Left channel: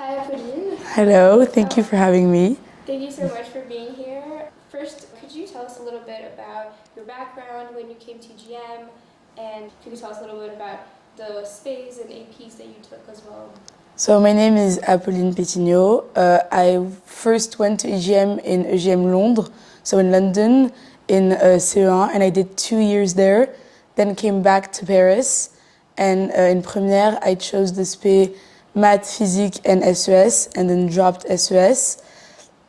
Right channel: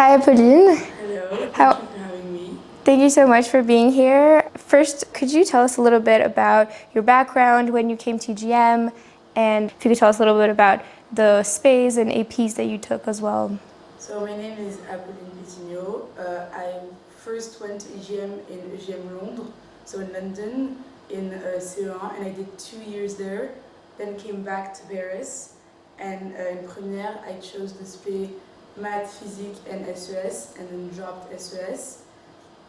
Hi, Apolline. Hello, thank you for having me. Thank you so much for being here. First, could you tell us a little bit about your background, when you came to GM, and if you could tell us a little bit about the SPAs and APs that you took as well? So my name is Apolline Pétignot. I first went to EGM in EGM Londres, so in London, in CE1, and I did 2 years there. Then came back to Paris, and in première, I chose the SPA Math, Physique, and SES, and then dropped SES.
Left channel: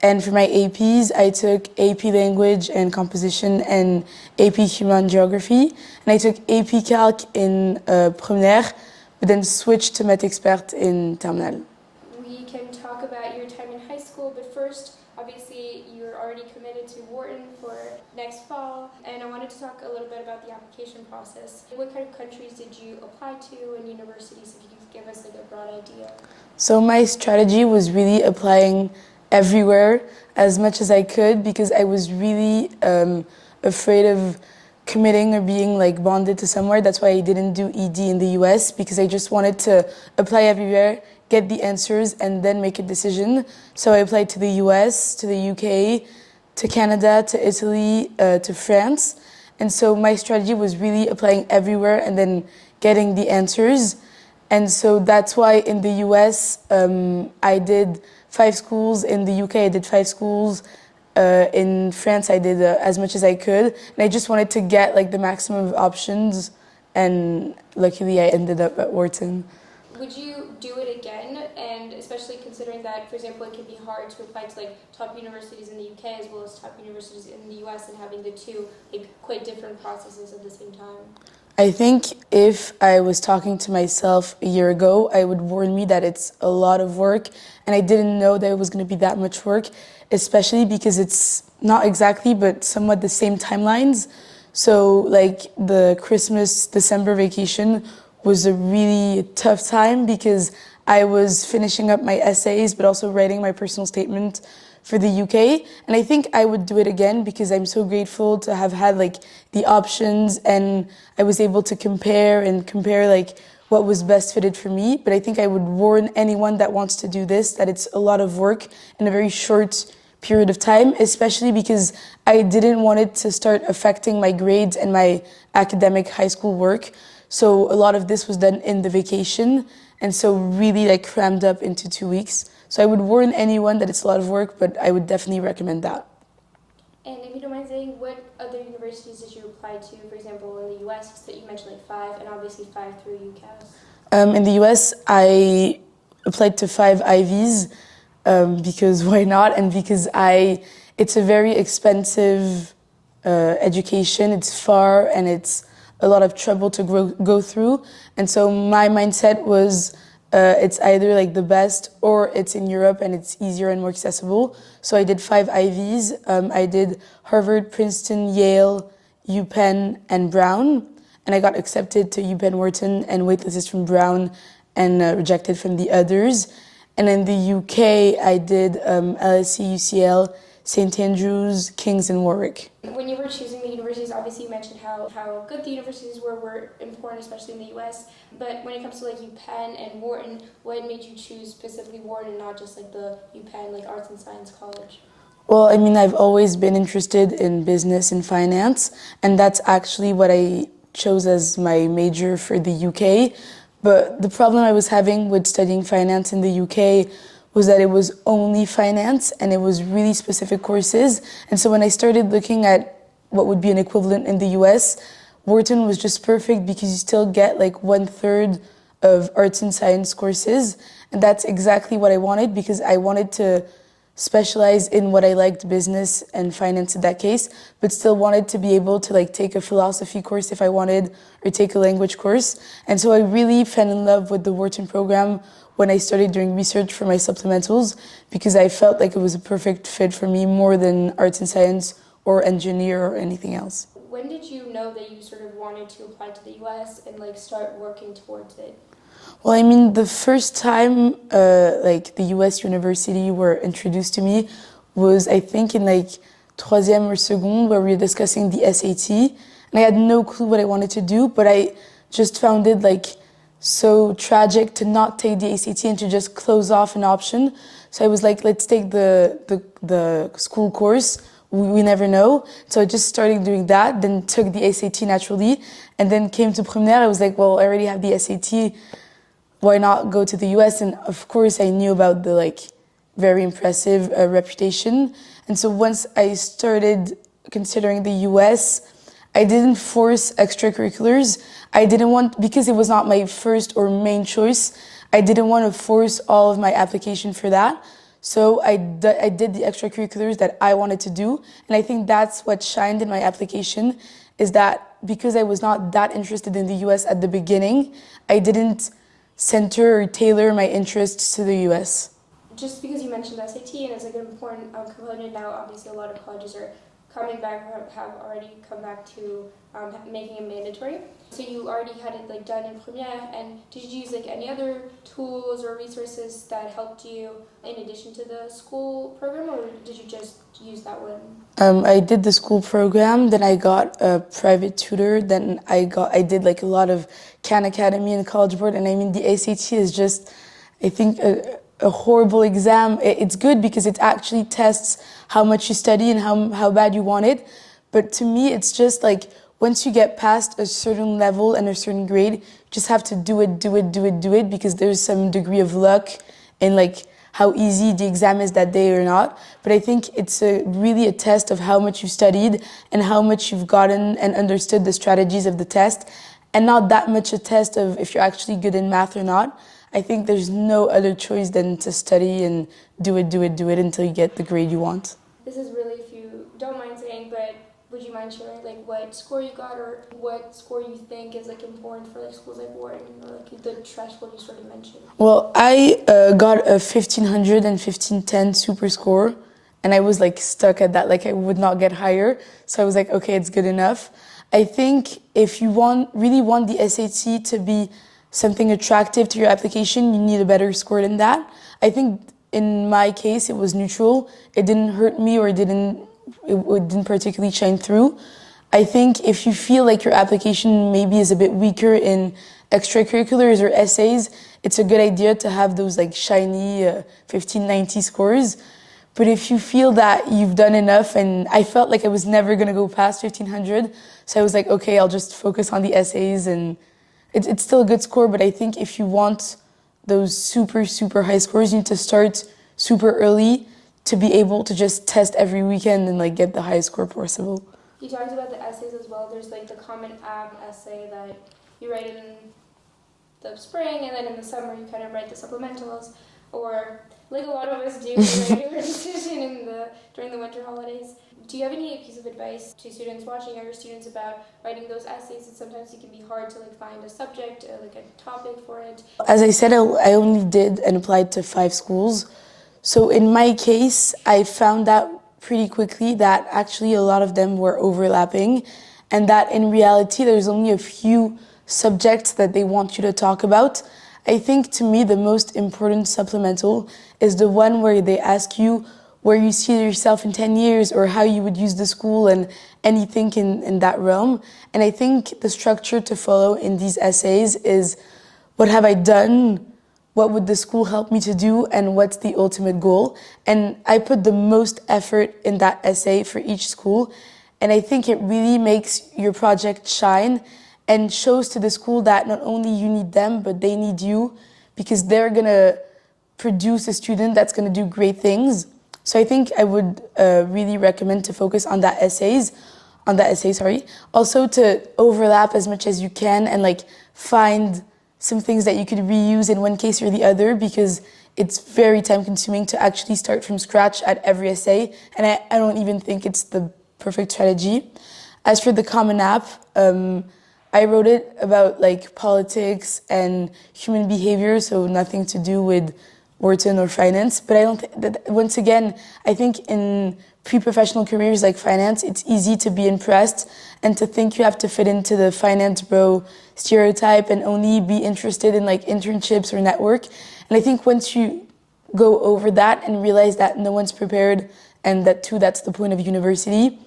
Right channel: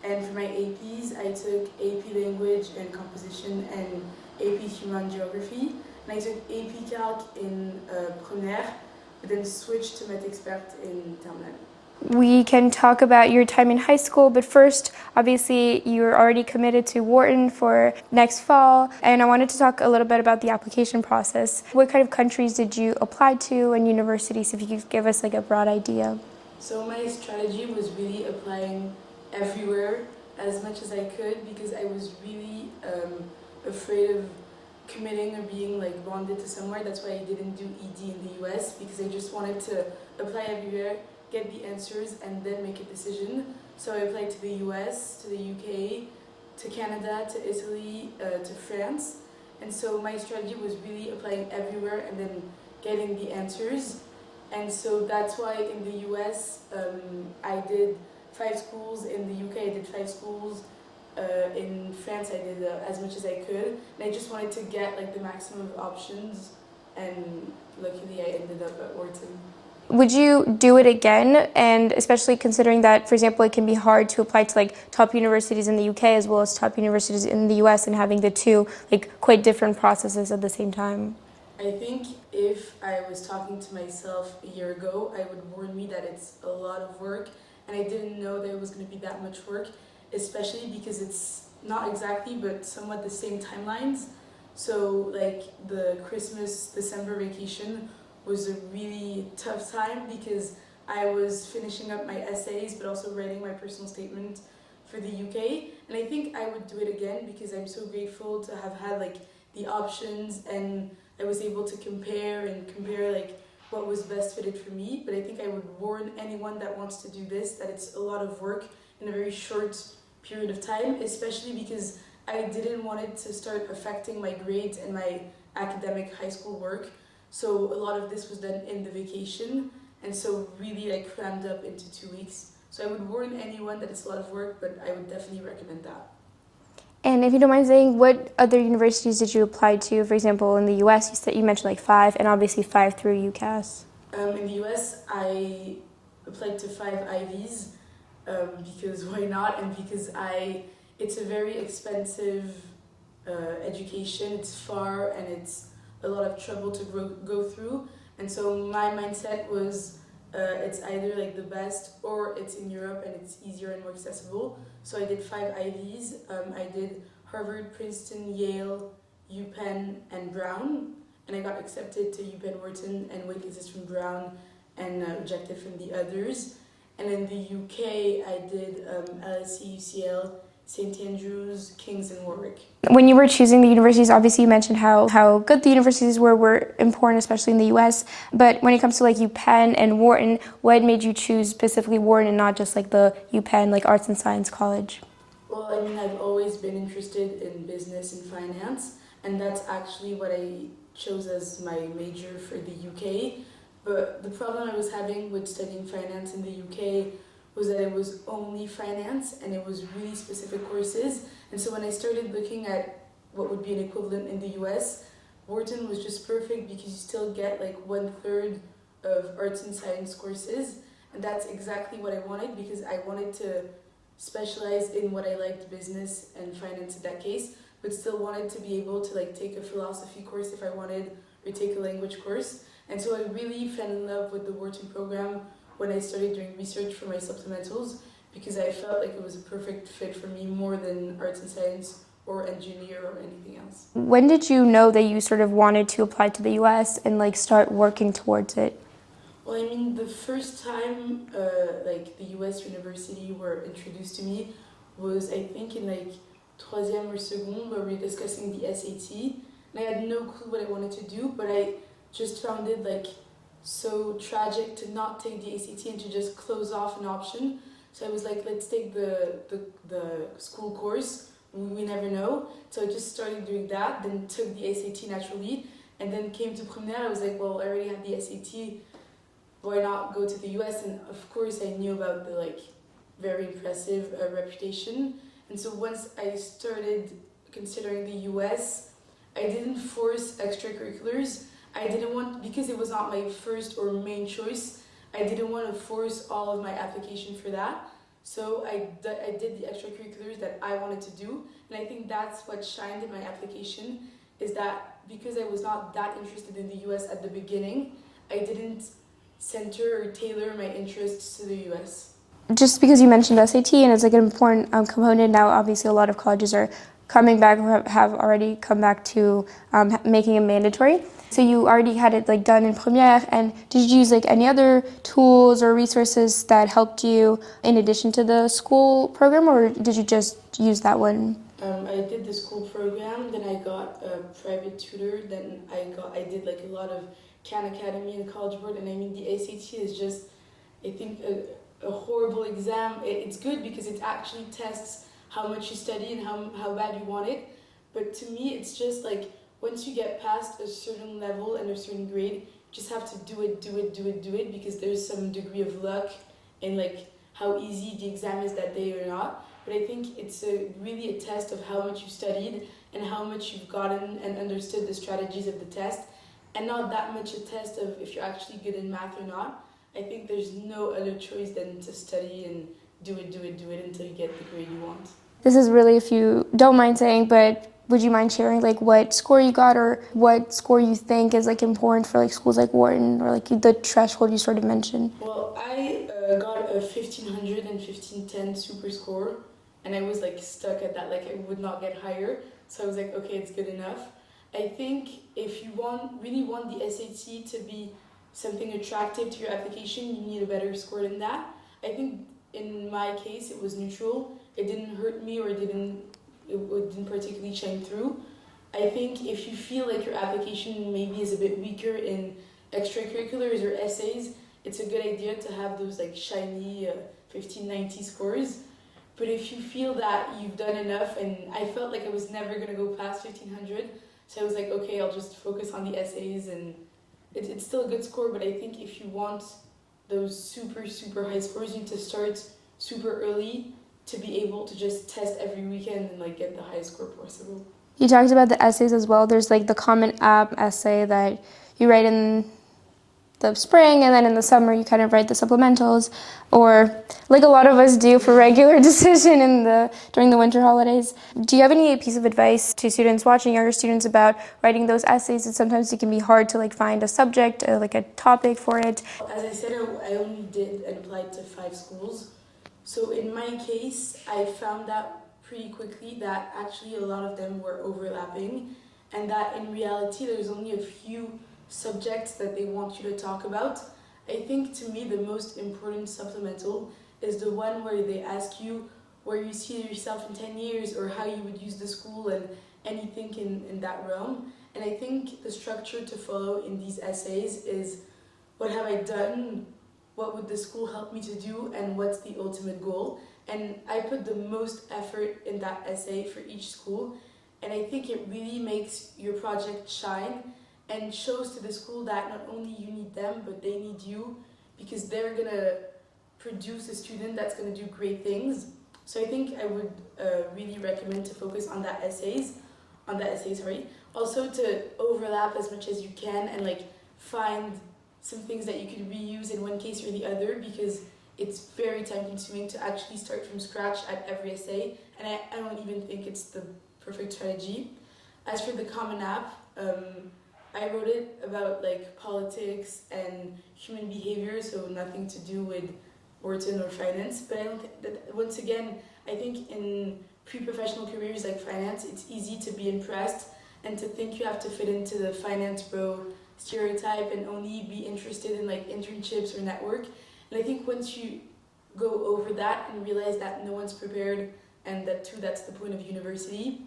And for my APs, I took AP Language and Composition and AP Human Geography. And I took AP Calc in première, but then switched to Math Expert in terminale. We can talk about your time in high school, but first, obviously, you're already committed to Wharton for next fall, and I wanted to talk a little bit about the application process. What kind of countries did you apply to and universities, if you could give us like a broad idea? So my strategy was really applying everywhere as much as I could because I was really afraid of committing or being like bonded to somewhere. That's why I didn't do ED in the US because I just wanted to apply everywhere, get the answers, and then make a decision. So I applied to the US, to the UK, to Canada, to Italy, to France. And so my strategy was really applying everywhere and then getting the answers. And so that's why in the US, I did 5 schools. In the UK, I did 5 schools. In France, I did as much as I could. And I just wanted to get like the maximum of options. And luckily, I ended up at Wharton. Would you do it again? And especially considering that, for example, it can be hard to apply to like top universities in the UK as well as top universities in the US and having the two like quite different processes at the same time. I think if I was talking to myself a year ago, I would warn me that it's a lot of work, and I didn't know that it was going to be that much work, especially because it's not exactly, but somewhat the same timelines. So like the Christmas, December vacation was a really tough time because I was finishing up my essays, but also writing my personal statement for the UK. And I think I would do it again because I'm so grateful to have had like the options, and I was able to compare like what was best fitted for me. But I think I would warn anyone that wants to do this that it's a lot of work in a very short period of time, especially because I didn't want it to start affecting my grades and my academic high school work. So a lot of this was done in the vacation, and so really like crammed up into 2 weeks. So I would warn anyone that it's a lot of work, but I would definitely recommend that. And if you don't mind saying, what other universities did you apply to? For example, in the US, you mentioned like 5, and obviously 5 through UCAS. In the US, I applied to 5 Ivies because why not? And because it's a very expensive education. It's far and it's a lot of trouble to go through. And so my mindset was it's either like the best or it's in Europe and it's easier and more accessible. So I did 5 Ivies. I did Harvard, Princeton, Yale, UPenn, and Brown. And I got accepted to UPenn Wharton and waitlisted from Brown and rejected from the others. And in the UK, I did LSE, UCL, St. Andrews, King's, and Warwick. When you were choosing the universities, obviously you mentioned how good the universities were important, especially in the US. But when it comes to like UPenn and Wharton, what made you choose specifically Wharton and not just like the UPenn, like Arts and Science College? Well, I mean, I've always been interested in business and finance, and that's actually what I chose as my major for the UK. But the problem I was having with studying finance in the UK was that it was only finance and it was really specific courses. And so when I started looking at what would be an equivalent in the US, Wharton was just perfect because you still get like 1/3 of arts and science courses. And that's exactly what I wanted because I wanted to specialize in what I liked, business and finance in that case, but still wanted to be able to like take a philosophy course if I wanted or take a language course. And so I really fell in love with the Wharton program when I started doing research for my supplementals because I felt like it was a perfect fit for me more than arts and science or engineer or anything else. When did you know that you sort of wanted to apply to the US and like start working towards it? Well, I mean, the first time like the US university were introduced to me was I think in like troisième or seconde where we were discussing the SAT, and I had no clue what I wanted to do, but I just found it like so tragic to not take the ACT and to just close off an option. So I was like, let's take the school course. We never know. So I just started doing that, then took the SAT naturally, and then came to Première. I was like, well, I already have the SAT. Why not go to the US? And of course, I knew about the very impressive reputation. And so once I started considering the US, I didn't force extracurriculars. I didn't want, because it was not my first or main choice, I didn't want to force all of my application for that. So I did the extracurriculars that I wanted to do. And I think that's what shined in my application, is that because I was not that interested in the US at the beginning, I didn't center or tailor my interests to the US. Just because you mentioned SAT and it's like an important component now, obviously a lot of colleges are coming back or have already come back to making it mandatory. So you already had it done in Première, and did you use any other tools or resources that helped you in addition to the school program, or did you just use that one? I did the school program, then I got a private tutor, then I did a lot of Khan Academy and College Board, and I mean the ACT is just, I think, a horrible exam. It's good because it actually tests how much you study and how bad you want it, but to me it's just once you get past a certain level and a certain grade, you just have to do it because there's some degree of luck in how easy the exam is that day or not. But I think it's really a test of how much you studied and how much you've gotten and understood the strategies of the test, and not that much a test of if you're actually good in math or not. I think there's no other choice than to study and do it until you get the grade you want. This is really, if you don't mind saying, but would you mind sharing what score you got or what score you think is important for schools like Wharton, or the threshold you sort of mentioned? Well, I got a 1500 and 1510 super score, and I was stuck at that. I would not get higher, so I was okay, it's good enough. I think if you really want the SAT to be something attractive to your application, you need a better score than that. I think in my case it was neutral. It didn't hurt me or it didn't particularly shine through. I think if you feel your application maybe is a bit weaker in extracurriculars or essays, it's a good idea to have those shiny 1590 scores. But if you feel that you've done enough, and I felt I was never going to go past 1500, so I was okay, I'll just focus on the essays, and it's still a good score, but I think if you want those super high scores, you need to start super early to be able to just test every weekend and get the highest score possible. You talked about the essays as well. There's the Common App essay that you write in the spring, and then in the summer you kind of write the supplementals, or a lot of us do for regular decision during the winter holidays. Do you have any piece of advice to students watching, younger students, about writing those essays? And sometimes it can be hard to find a subject, a topic for it. As I said, I only did and applied to 5 schools. So in my case, I found out pretty quickly that actually a lot of them were overlapping, and that in reality there's only a few subjects that they want you to talk about. I think to me the most important supplemental is the one where they ask you where you see yourself in 10 years or how you would use the school and anything in that realm. And I think the structure to follow in these essays is what have I done, what would the school help me to do, and what's the ultimate goal. And I put the most effort in that essay for each school, and I think it really makes your project shine and shows to the school that not only you need them, but they need you, because they're gonna produce a student that's gonna do great things. So I think I would really recommend to focus on that essay. Also to overlap as much as you can and find some things that you could reuse in one case or the other, because it's very time consuming to actually start from scratch at every essay, and I don't even think it's the perfect strategy. As for the Common App, I wrote it about politics and human behavior, so nothing to do with Wharton or finance. But I don't once again, I think in pre-professional careers like finance, it's easy to be impressed and to think you have to fit into the finance bro stereotype and only be interested in internships or network. And I think once you go over that and realize that no one's prepared, and that's the point of university,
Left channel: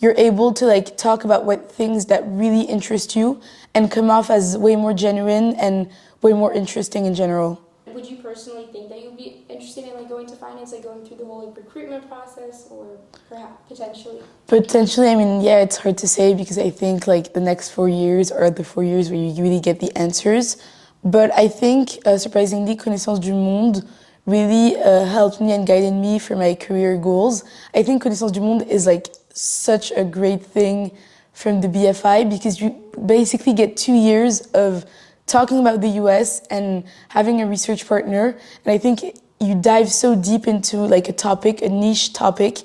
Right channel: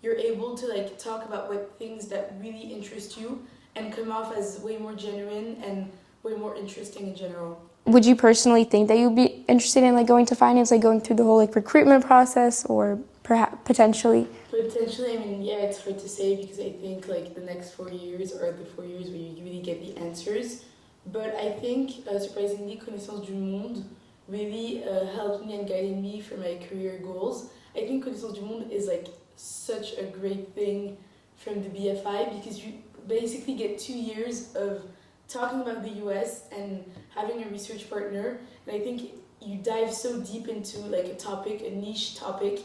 you're able to talk about what things that really interest you and come off as way more genuine and way more interesting in general. Would you personally think that you'd be interested in like going to finance, like going through the whole like recruitment process, or perhaps potentially? Potentially, I mean, yeah, it's hard to say because I think like the next 4 years are the 4 years where you really get the answers. But I think, surprisingly, Connaissance du Monde really helped me and guided me for my career goals. I think Connaissance du Monde is like such a great thing from the BFI because you basically get 2 years of talking about the US and having a research partner. And I think you dive so deep into like a topic, a niche topic.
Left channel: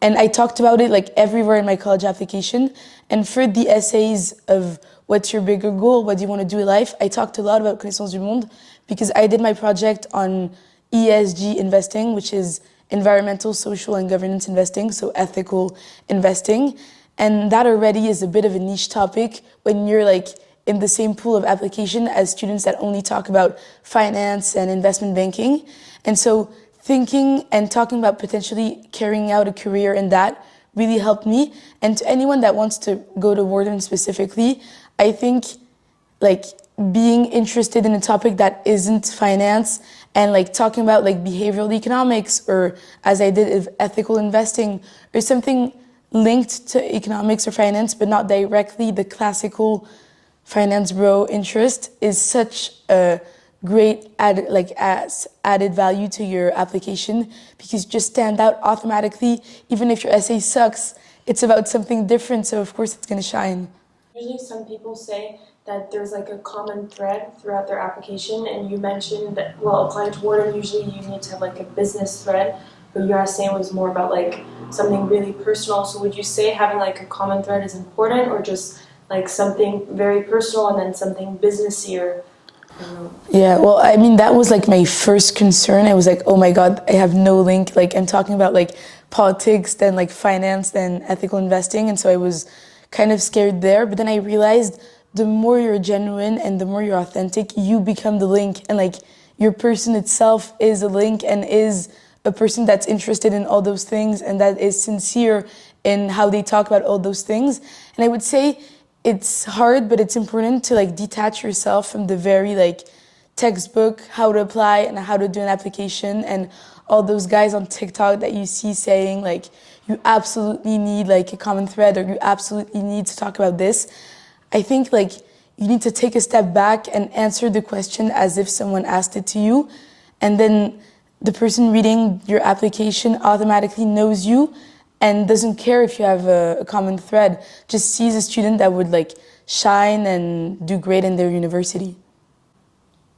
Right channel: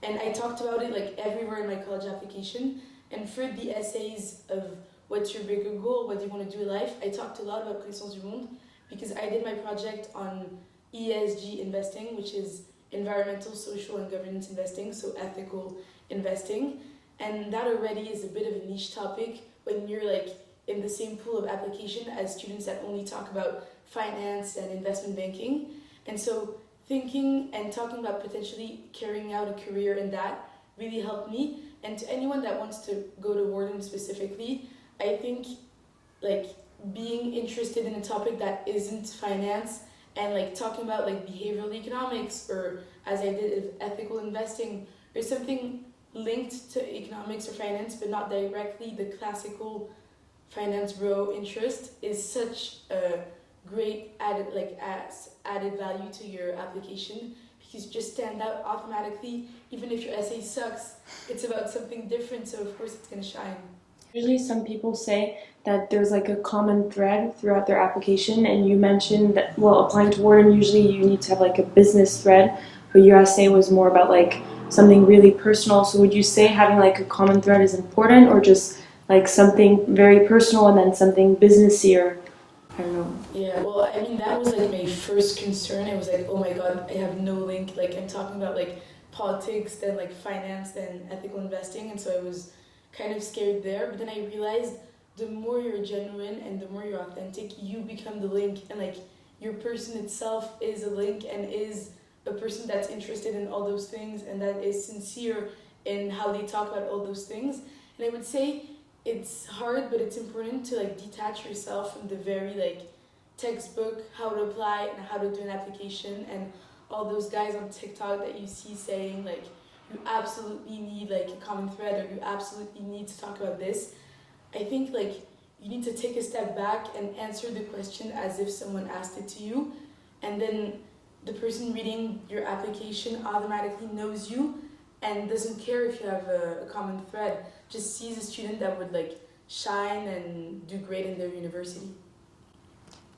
And I talked about it like everywhere in my college application. And for the essays of what's your bigger goal, what do you want to do in life, I talked a lot about Connaissance du Monde because I did my project on ESG investing, which is environmental, social, and governance investing, so ethical investing. And that already is a bit of a niche topic when you're like in the same pool of application as students that only talk about finance and investment banking. And so thinking and talking about potentially carrying out a career in that really helped me. And to anyone that wants to go to Wharton specifically, I think like being interested in a topic that isn't finance and like talking about like behavioral economics or as I did ethical investing or something linked to economics or finance but not directly the classical finance bro interest is such a great added value to your application because you just stand out automatically. Even if your essay sucks, it's about something different, so of course it's going to shine. Usually some people say that there's like a common thread throughout their application, and you mentioned that, well, applying to Wharton, usually you need to have like a business thread, but your essay was more about like something really personal. So would you say having like a common thread is important, or just like something very personal and then something businessy, or I don't know? Yeah, well, I mean, that was like my first concern. I was like, oh my God, I have no link. Like, I'm talking about like politics, then like finance, then ethical investing. And so I was kind of scared there. But then I realized the more you're genuine and the more you're authentic, you become the link. And like your person itself is a link and is a person that's interested in all those things and that is sincere in how they talk about all those things. And I would say it's hard, but it's important to like detach yourself from the very like textbook, how to apply and how to do an application and all those guys on TikTok that you see saying like, you absolutely need like a common thread or you absolutely need to talk about this. I think like you need to take a step back and answer the question as if someone asked it to you. And then the person reading your application automatically knows you and doesn't care if you have a common thread, just sees a student that would like shine and do great in their university.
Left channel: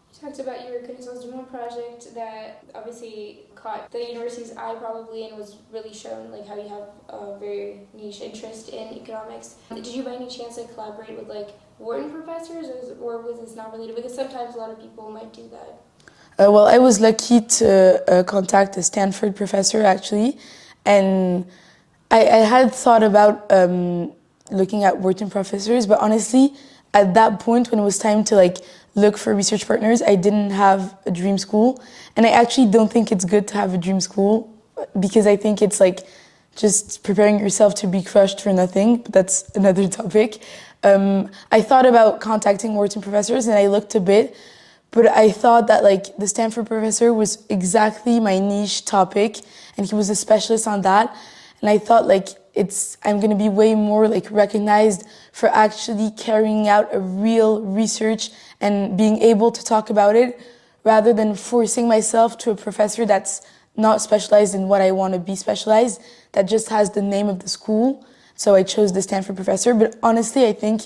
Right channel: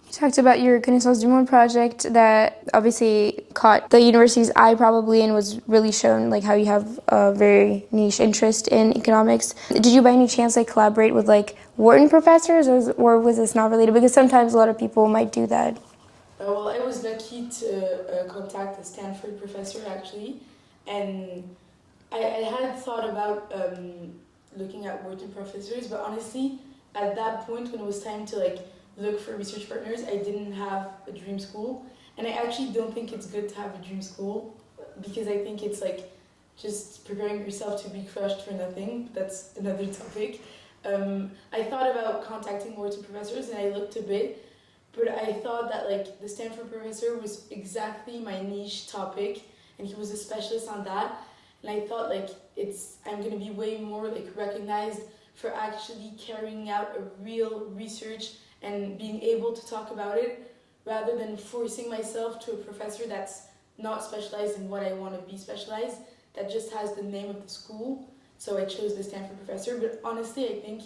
You talked about your Connaissance du Monde project that obviously caught the university's eye probably and was really shown like how you have a very niche interest in economics. Did you by any chance like collaborate with like Wharton professors or was this not related? Because sometimes a lot of people might do that. Well, I was lucky to contact a Stanford professor actually, and I had thought about looking at Wharton professors, but honestly, at that point when it was time to like look for research partners, I didn't have a dream school, and I actually don't think it's good to have a dream school because I think it's like just preparing yourself to be crushed for nothing, but that's another topic. I thought about contacting Wharton professors and I looked a bit, but I thought that like the Stanford professor was exactly my niche topic and he was a specialist on that. And I thought like I'm gonna be way more like recognized for actually carrying out a real research and being able to talk about it rather than forcing myself to a professor that's not specialized in what I want to be specialized, that just has the name of the school. So I chose the Stanford professor. But honestly, I think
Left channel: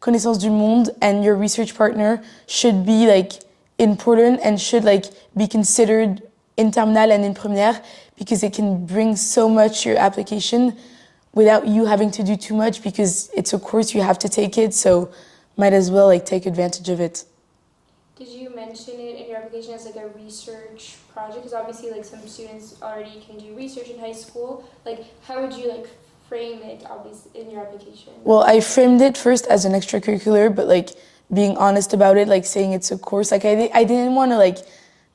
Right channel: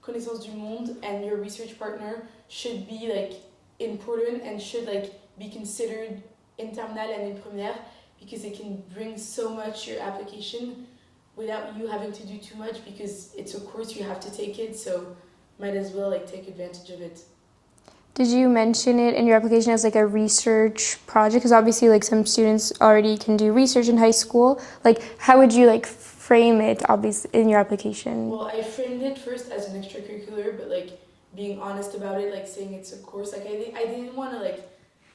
Connaissance du Monde and your research partner should be like important and should like be considered in terminale and in première because it can bring so much to your application without you having to do too much because it's a course you have to take it, so might as well like take advantage of it. Did you mention it in your application as like a research project? Because obviously like some students already can do research in high school. Like how would you like frame it obviously in your application? Well, I framed it first as an extracurricular, but like being honest about it, like saying it's a course. Like I didn't want to like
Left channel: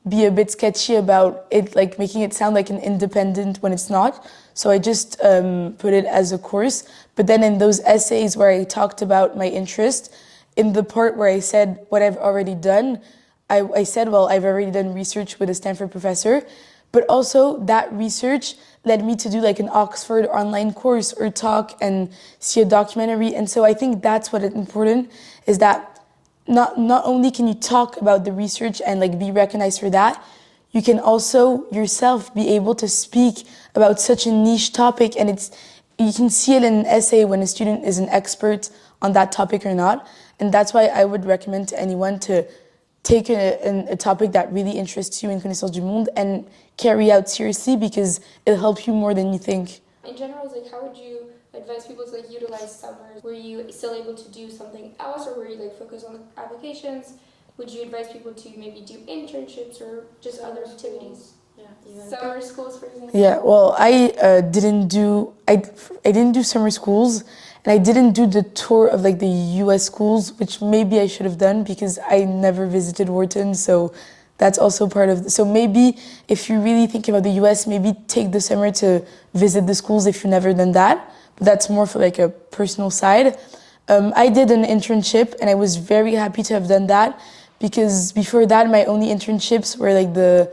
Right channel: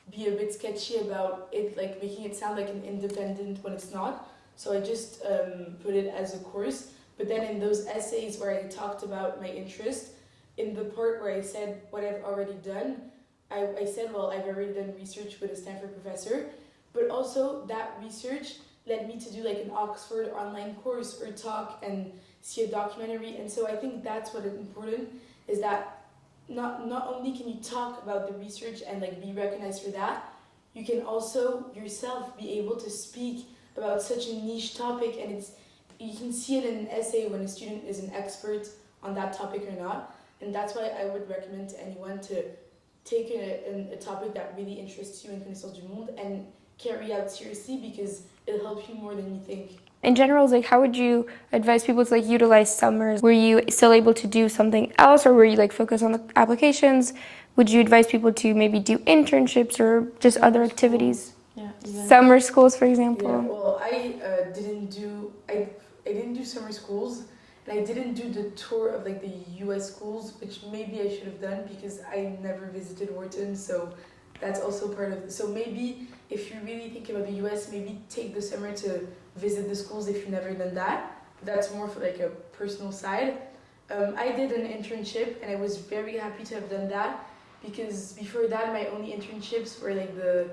be a bit sketchy about it, like making it sound like an independent when it's not. So I just put it as a course. But then in those essays where I talked about my interest, in the part where I said what I've already done, I said, well, I've already done research with a Stanford professor, but also that research led me to do like an Oxford online course or talk and see a documentary. And so I think that's what is important, is that not only can you talk about the research and like be recognized for that, you can also yourself be able to speak about such a niche topic, and you can see it in an essay when a student is an expert on that topic or not. And that's why I would recommend to anyone to take a topic that really interests you in Connaissance du Monde and carry out seriously, because it'll help you more than you think. In general, like, how would you advise people to like utilize summers? Were you still able to do something else, or were you like focused on the applications? Would you advise people to maybe do internships or just other activities? Yeah, exactly. Summer schools, for example. Yeah, well, I didn't do summer schools, and I didn't do the tour of like the U.S. schools, which maybe I should have done because I never visited Wharton, so that's also part of. So maybe if you really think about the U.S., maybe take the summer to visit the schools if you've never done that. But that's more for like a personal side. I did an internship, and I was very happy to have done that, because before that, my only internships were like the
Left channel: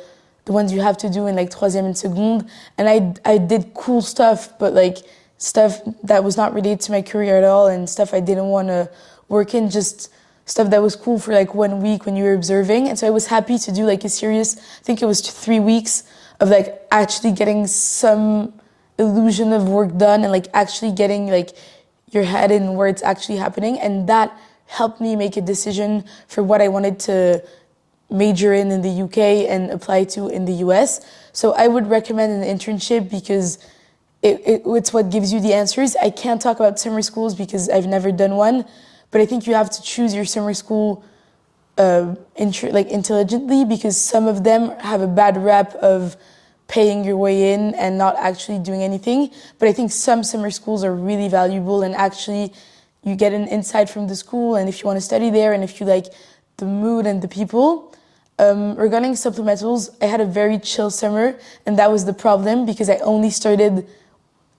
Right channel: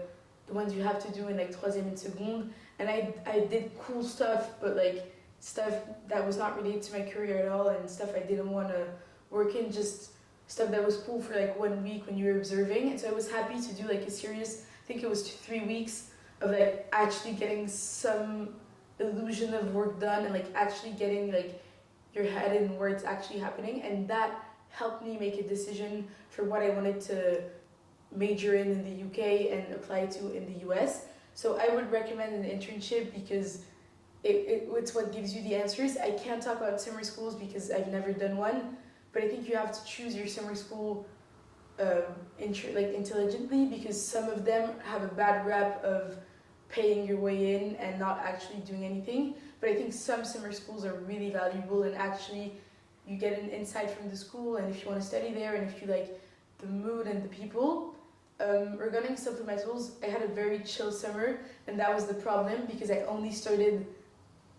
ones you have to do in like troisième and seconde, and I did cool stuff, but like stuff that was not related to my career at all, and stuff I didn't want to work in, just stuff that was cool for like 1 week when you were observing. And so I was happy to do like a serious, I think it was 3 weeks of like actually getting some illusion of work done and like actually getting like your head in where it's actually happening. And that helped me make a decision for what I wanted to major in the UK and apply to in the US. So I would recommend an internship because it's what gives you the answers. I can't talk about summer schools because I've never done one, but I think you have to choose your summer school intelligently, because some of them have a bad rep of paying your way in and not actually doing anything. But I think some summer schools are really valuable, and actually you get an insight from the school, and if you want to study there and if you like the mood and the people. Regarding supplementals, I had a very chill summer, and that was the problem because I only started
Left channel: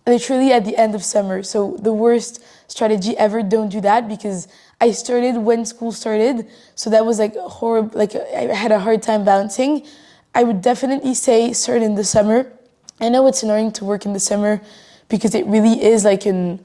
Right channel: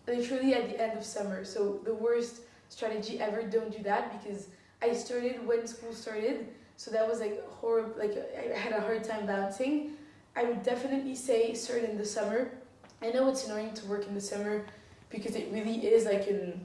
literally at the end of summer. So the worst strategy ever, don't do that, because I started when school started. So that was like horrible, like I had a hard time balancing. I would definitely say start in the summer. I know it's annoying to work in the summer because it really is like a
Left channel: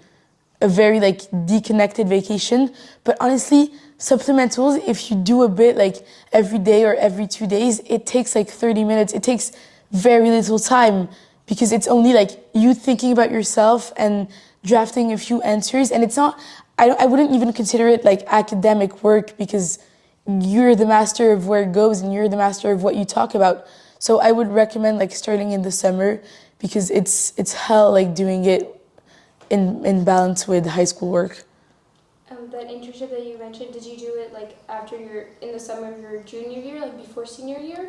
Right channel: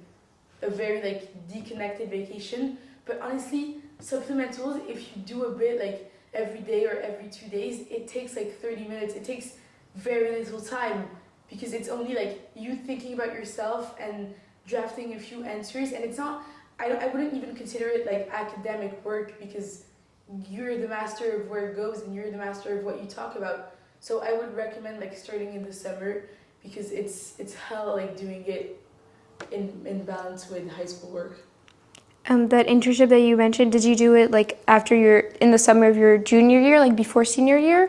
very like deconnected vacation. But honestly, supplementals, if you do a bit like every day or every 2 days, it takes like 30 minutes. It takes very little time because it's only like you thinking about yourself and drafting a few answers. And it's not, I wouldn't even consider it like academic work, because you're the master of where it goes and you're the master of what you talk about. So I would recommend like starting in the summer, because it's hell like doing it in balance with high school work. That internship that you mentioned, did you do it like after in the summer of your junior year, like before senior year,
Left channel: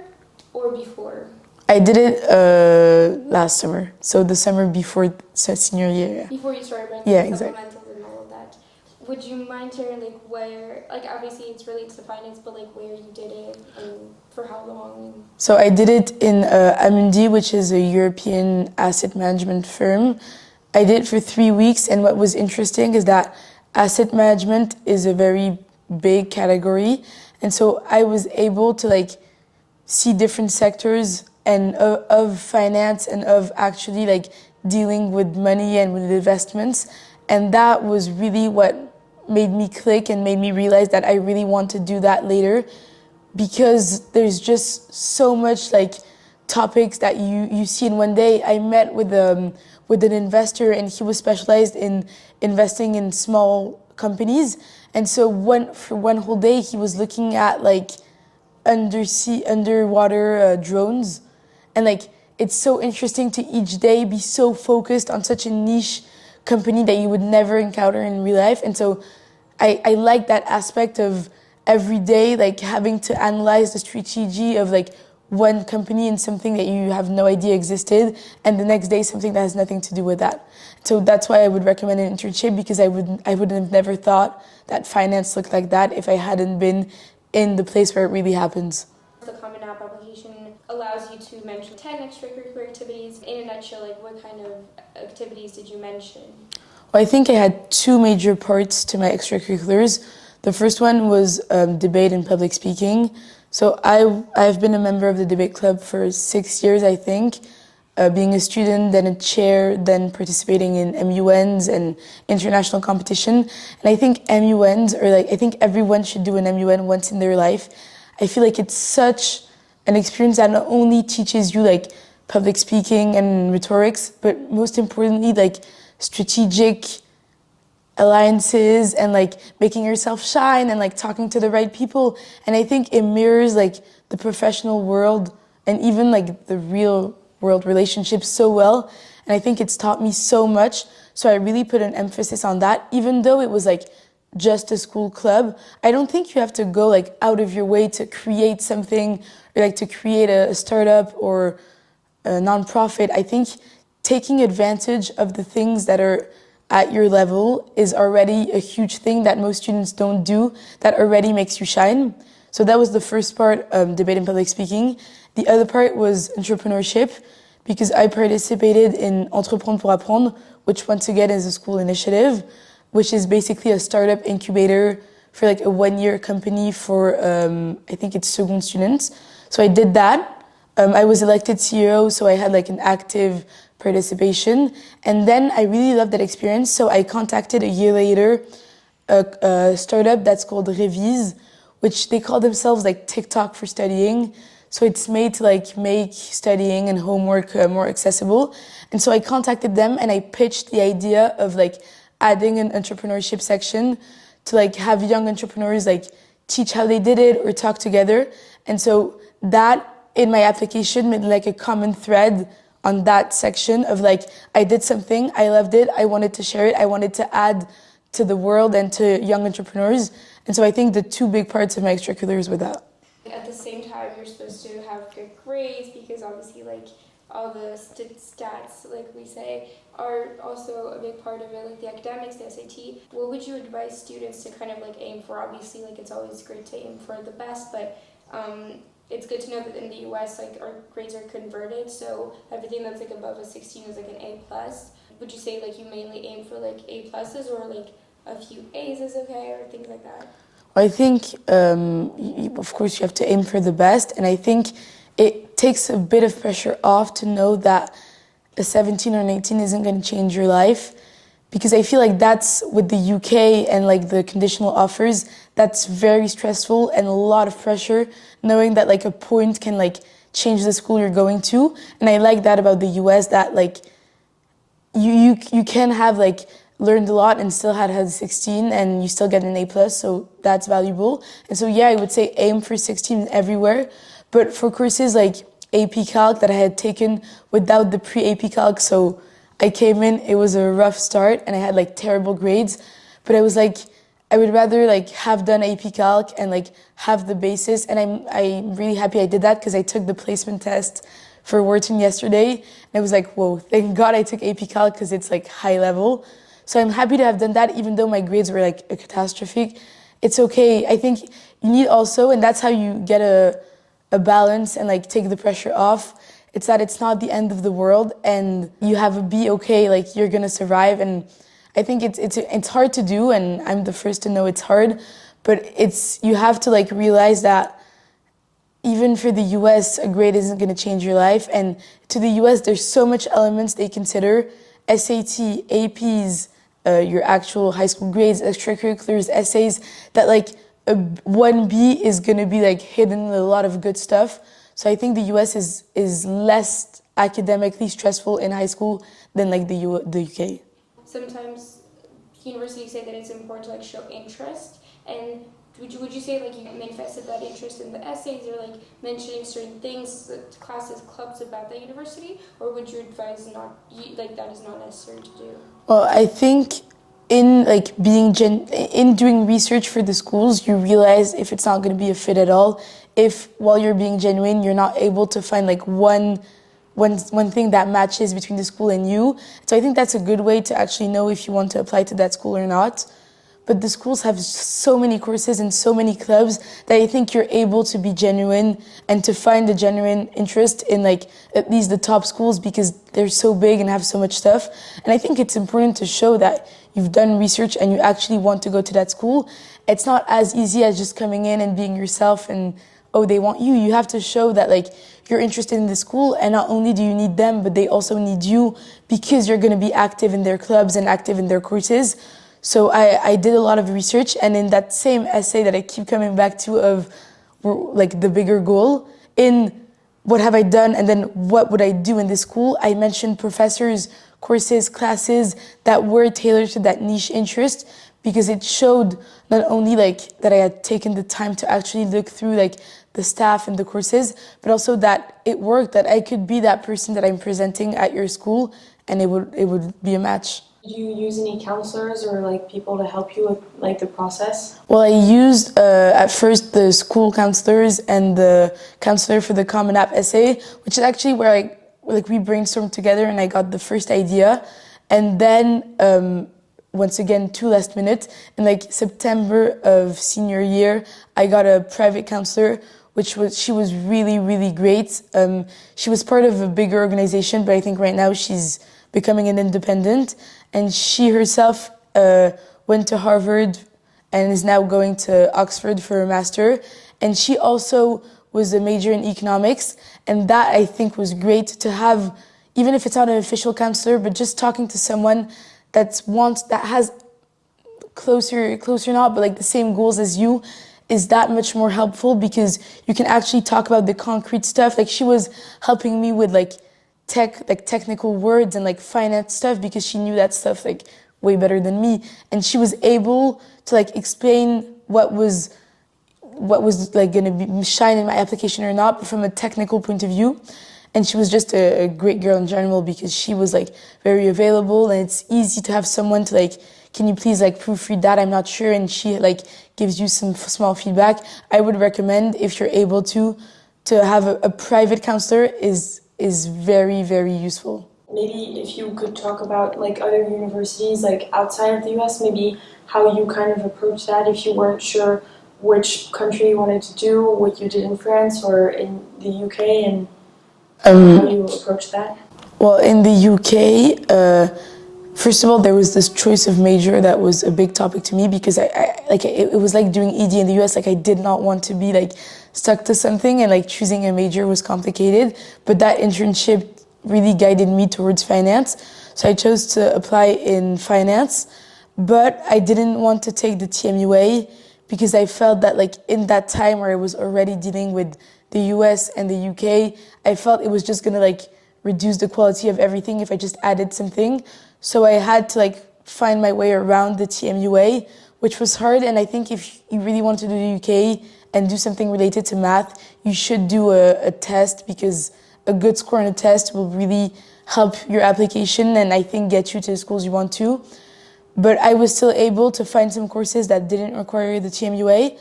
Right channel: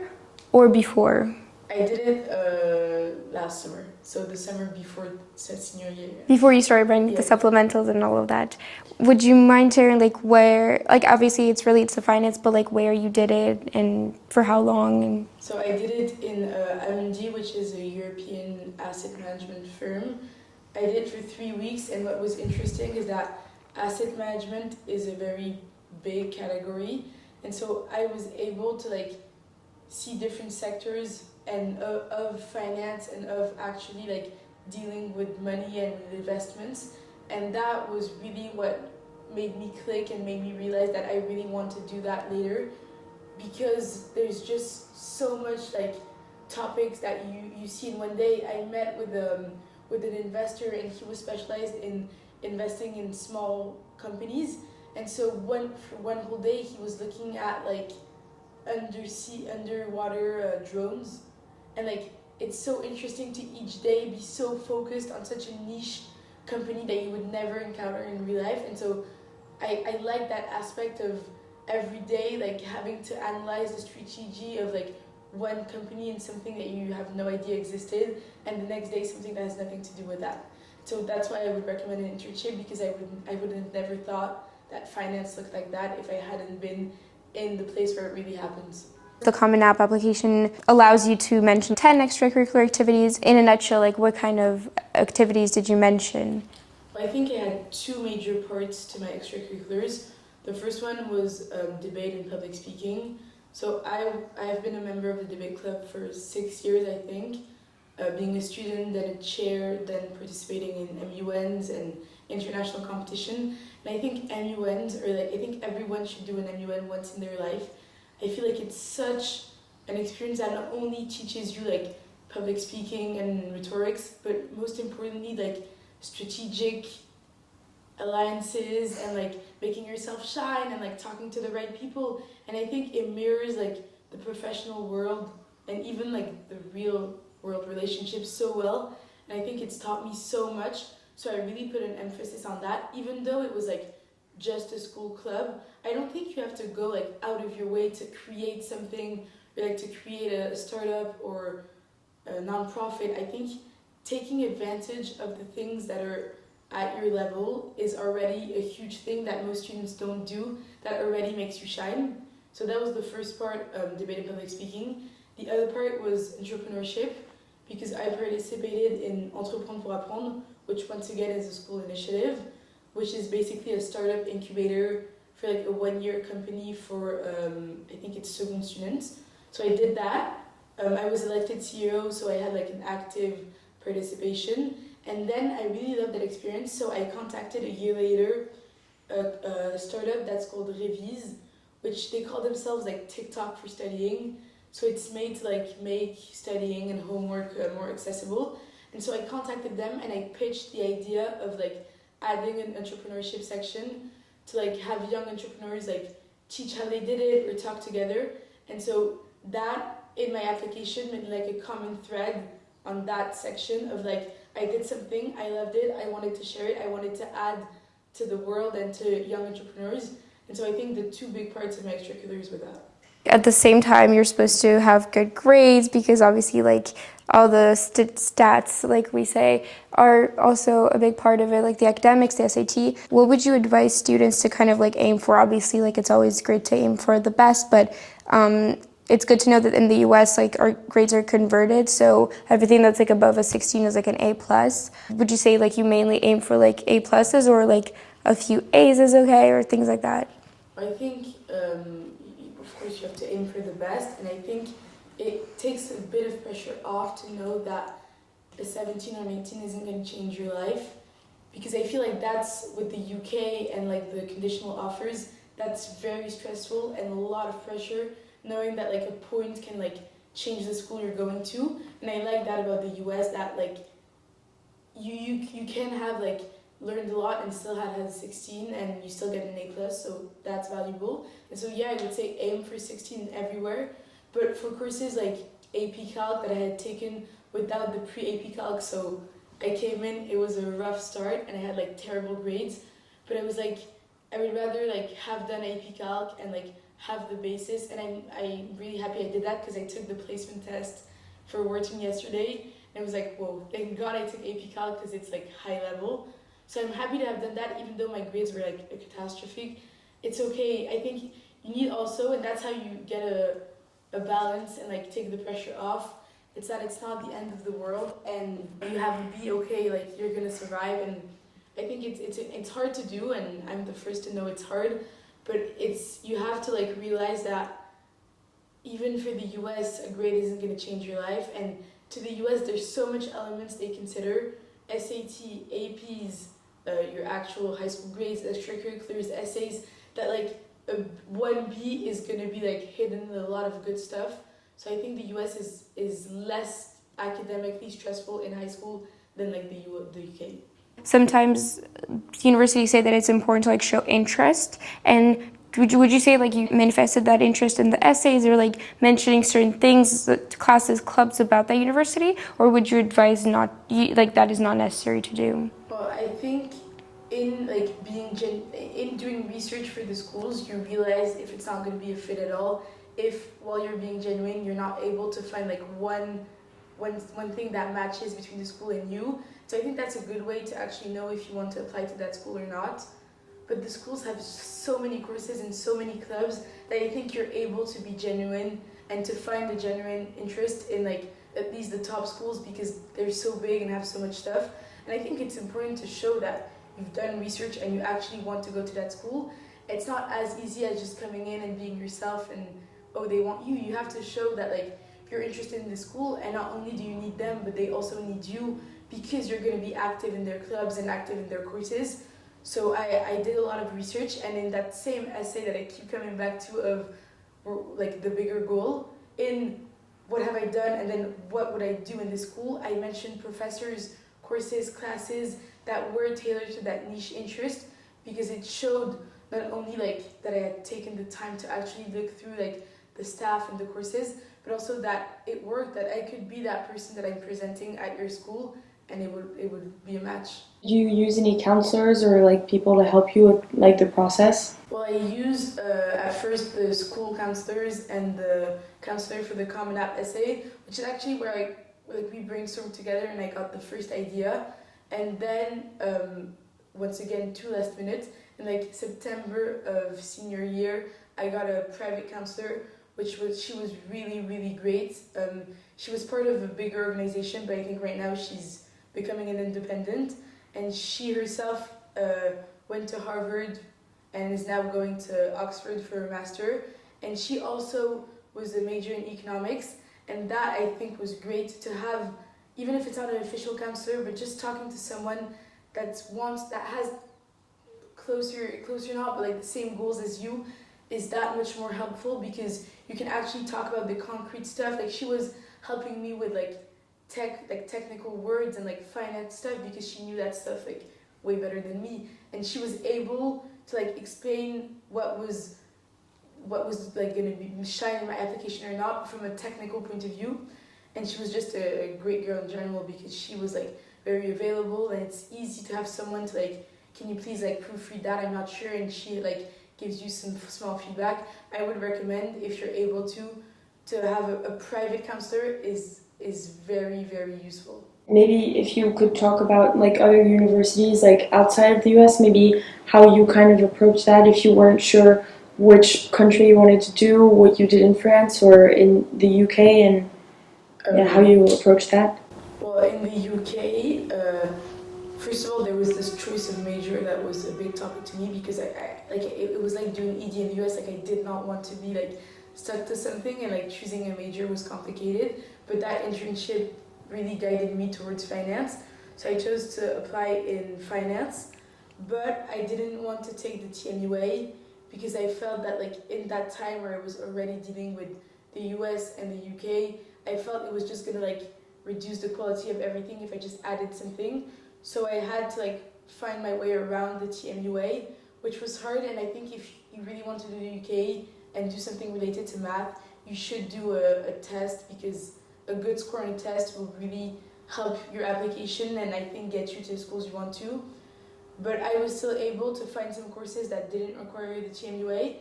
or before? I did it last summer, so the summer before senior year. Before you started writing the supplementals and all of that. Would you mind sharing like where, like obviously it's related to finance, but like where you did it and for how long? So I did it in Amundi, which is a European asset management firm. I did it for 3 weeks, and what was interesting is that asset management is a very big category, and so I was able to like see different sectors and of finance and of actually like dealing with money and with investments, and that was really what made me click and made me realize that I really want to do that later, because there's just so much like topics that you see in one day. I met with an investor, and he was specialized in investing in small companies, and so for one whole day he was looking at like underwater drones, and like it's so interesting to each day be so focused on such a niche company that you would never encounter in real life. And so I like that aspect of every day like having to analyze the strategy of like one company and something that you have no idea existed, and the next day something that has nothing to do with that. So that's why I would recommend an internship, because I wouldn't have never thought that finance looked like that if I hadn't been in the place where it really happens. The Common App application allows you to mention 10 extracurricular activities. In a nutshell, like what kind of activities did you mention? Well, I think I had 2 major parts to my extracurriculars. The first one was debate and public speaking. So I've been a member of the debate club for 6 years, I think, being a student, then a chair, then participating in MUNs and international competition. And I think MUNs, or like I think everyone should do an MUN once in their life. I feel like it's such an experience that not only teaches you like public speaking and rhetorics, but most importantly like strategic alliances and like making yourself shine and like talking to the right people. And I think it mirrors like the professional world and even like the real world relationships so well. And I think it's taught me so much. So I really put an emphasis on that, even though it was like just a school club. I don't think you have to go like out of your way to create something or like to create a startup or a nonprofit. I think taking advantage of the things that are at your level is already a huge thing that most students don't do, that already makes you shine. So that was the first part, debate and public speaking. The other part was entrepreneurship, because I participated in Entreprendre pour Apprendre, which once again is a school initiative, which is basically a startup incubator for like a one-year company for, I think it's second students. So I did that. I was elected CEO, so I had like an active participation. And then I really loved that experience. So I contacted a year later a startup that's called Revise, which they call themselves like TikTok for studying. So it's made to like make studying and homework more accessible. And so I contacted them and I pitched the idea of like adding an entrepreneurship section to like have young entrepreneurs like teach how they did it or talk together. And so that in my application made like a common thread on that section of like, I did something, I loved it, I wanted to share it, I wanted to add to the world and to young entrepreneurs. And so I think the two big parts of my extracurriculars were that. At the same time, you're supposed to have good grades because obviously like all the stats, like we say, are also a big part of it, like the academics, the SAT. What would you advise students to kind of like aim for? Obviously, like it's always great to aim for the best, but it's good to know that in the US, like our grades are converted, so everything that's like above a 16 is like an A+. Would you say like you mainly aim for like A+, or like a few A's is okay, or things like that? I think, of course, you have to aim for the best, and I think it takes a bit of pressure off to know that a 17 or an 18 isn't going to change your life, because I feel like that's with the UK and like the conditional offers, that's very stressful and a lot of pressure, knowing that like a point can like change the school you're going to. And I like that about the US, that like you can have like learned a lot and still had 16 and you still get an A+, so that's valuable. And so yeah, I would say aim for 16 everywhere. But for courses like AP Calc that I had taken without the pre-AP Calc, so I came in, it was a rough start and I had like terrible grades, but I was like, I would rather like have done AP Calc and like have the basis. And I'm really happy I did that, because I took the placement test for Wharton yesterday and I was like, whoa, thank God I took AP Calc, because it's like high level. So I'm happy to have done that, even though my grades were like a catastrophic. It's okay. I think you need also, and that's how you get a balance and like take the pressure off. It's that it's not the end of the world and you have a be okay, like you're gonna survive. And I think it's hard to do, and I'm the first to know it's hard, but you have to like realize that even for the US, a grade isn't gonna change your life. And to the US, there's so much elements they consider: SAT, APs, your actual high school grades, extracurriculars, essays, that like a 1B is gonna be like hidden in a lot of good stuff. So I think the US is less academically stressful in high school than like the UK. Sometimes universities say that it's important to like show interest, and would you say like you manifested that interest in the essays, or like mentioning certain things, classes, clubs about that university, or would you advise not, like that is not necessary to do? Well, I think in like in doing research for the schools, you realize if it's not going to be a fit at all, if while you're being genuine, you're not able to find like one thing that matches between the school and you. So I think that's a good way to actually know if you want to apply to that school or not. But the schools have so many courses and so many clubs that I think you're able to be genuine and to find a genuine interest in like at least the top schools, because they're so big and have so much stuff. And I think it's important to show that you've done research and you actually want to go to that school. It's not as easy as just coming in and being yourself and oh, they want you. You have to show that like you're interested in the school, and not only do you need them, but they also need you because you're going to be active in their clubs and active in their courses. So I did a lot of research, and in that same essay that I keep coming back to of like the bigger goal, in what have I done and then what would I do in this school, I mentioned professors, courses, classes that were tailored to that niche interest, because it showed not only like that I had taken the time to actually look through like the staff and the courses, but also that it worked, that I could be that person that I'm presenting at your school, and it would be a match. Did you use any counselors or like people to help you with like the process? Well, I used at first the school counselors and the counselor for the Common App essay, which is actually where we brainstormed together and I got the first idea. And then once again, too last minute, in like September of senior year, I got a private counselor, she was really, really great. She was part of a bigger organization, but I think right now she's becoming an independent. And she herself went to Harvard and is now going to Oxford for a master. And she also was a major in economics. And that, I think, was great to have, even if it's not an official counselor, but just talking to someone that has closer not, but like the same goals as you, is that much more helpful, because you can actually talk about the concrete stuff. Like she was helping me with like technical words and like finance stuff, because she knew that stuff like way better than me, and she was able to like explain what was like gonna be shine in my application or not, but from a technical point of view. And she was just a great girl in general, because she was like very available, and it's easy to have someone to like, can you please like proofread that, I'm not sure, and she like gives you some small feedback. I would recommend, if you're able to have a private counselor is very, very useful. Maybe if you could talk about like other universities like outside of the US, maybe how you kind of approach that if you weren't sure which country you wanted to do, what you did in France or in the UK, and how you approach that. Well, in the UK, first of all, there was this choice of major that was a big topic to me, because it was like doing ED in the US. Like I did not want to be like stuck to something, and like choosing a major was complicated. But that internship really guided me towards finance. So I chose to apply in finance, but I didn't want to take the TMUA, because I felt that like in that time where I was already dealing with the US and the UK, I felt it was just gonna like reduce the quality of everything if I just added something. So I had to like find my way around the TMUA, which was hard. And I think if you really want to do the UK and do something related to math, you should do a test, because a good score on a test will really help your application and I think get you to the schools you want to. But I was still able to find some courses that didn't require the TMUA.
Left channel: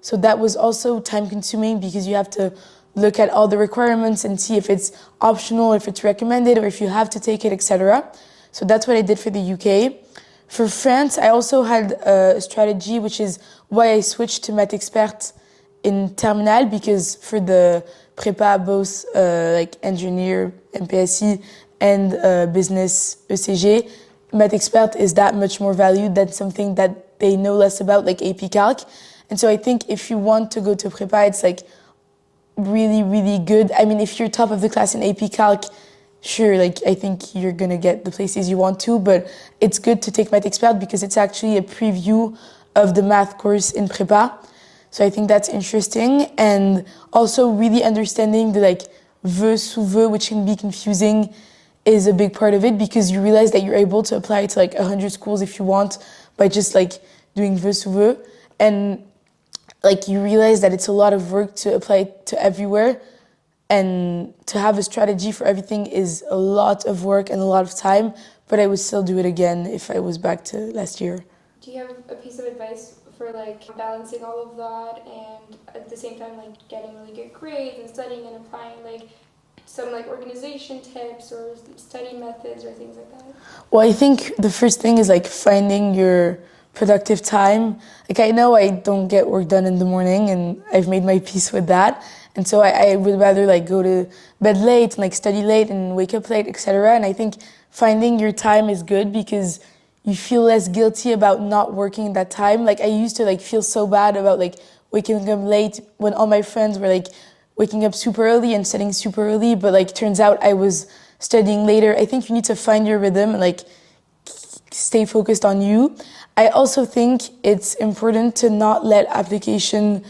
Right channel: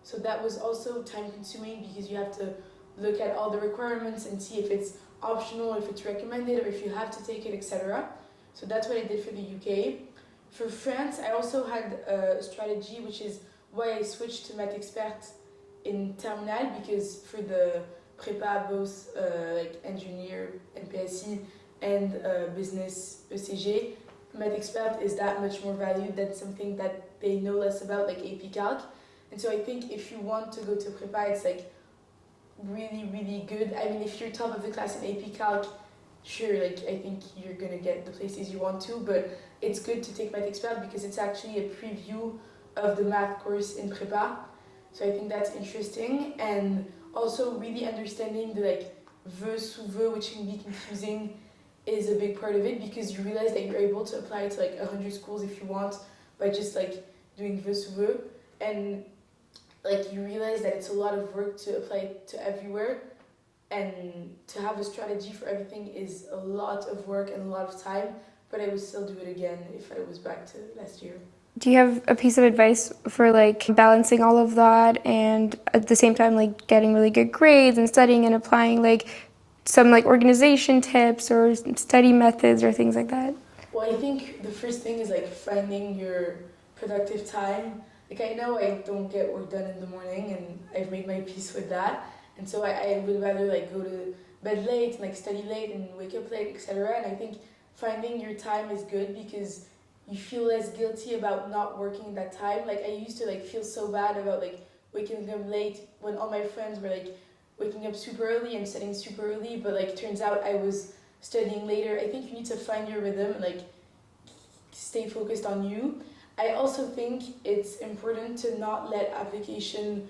So that was also time consuming, because you have to look at all the requirements and see if it's optional, if it's recommended, or if you have to take it, etc. So that's what I did for the UK. For France, I also had a strategy, which is why I switched to Math Expert in Terminal, because for the prépa, both like engineer, MPSI, and business ECG, Math Expert is that much more valued than something that they know less about, like AP Calc. And so I think if you want to go to prépa, it's like really, really good. I mean, if you're top of the class in AP Calc, sure, like I think you're gonna get the places you want to, but it's good to take Math Expert because it's actually a preview of the math course in prépa. So I think that's interesting. And also really understanding the like vœux sous vœux, which can be confusing, is a big part of it, because you realize that you're able to apply it to like 100 schools if you want by just like doing vœux sous vœux. And like you realize that it's a lot of work to apply it to everywhere, and to have a strategy for everything is a lot of work and a lot of time, but I would still do it again if I was back to last year. Do you have a piece of advice for like balancing all of that and at the same time like getting really good grades and studying and applying, like some like organization tips or study methods or things like that? Well, I think the first thing is like finding your productive time. Like I know I don't get work done in the morning, and I've made my peace with that. And so I would rather like go to bed late and like study late and wake up late, etc. And I think finding your time is good, because you feel less guilty about not working that time. Like I used to like feel so bad about like waking up late when all my friends were like waking up super early and studying super early, but like turns out I was studying later. I think you need to find your rhythm and like stay focused on you. I also think it's important to not let application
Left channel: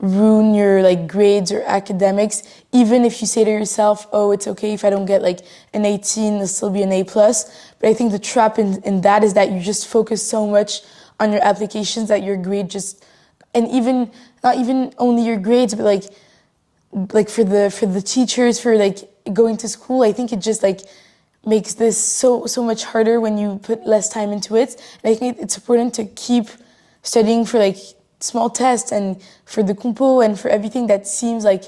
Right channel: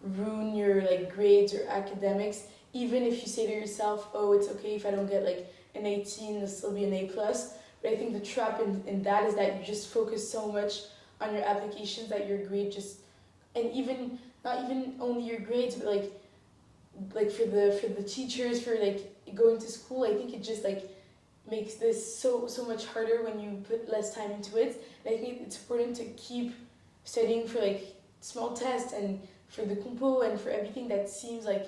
ruin your like grades or academics, even if you say to yourself, oh, it's okay if I don't get like an 18, it'll still be an A+. But I think the trap in that is that you just focus so much on your applications that your grade just, and even, not even only your grades, but like for the teachers, for like going to school, I think it just like makes this so much harder when you put less time into it. And I think it's important to keep studying for like small tests and for the compo and for everything that seems like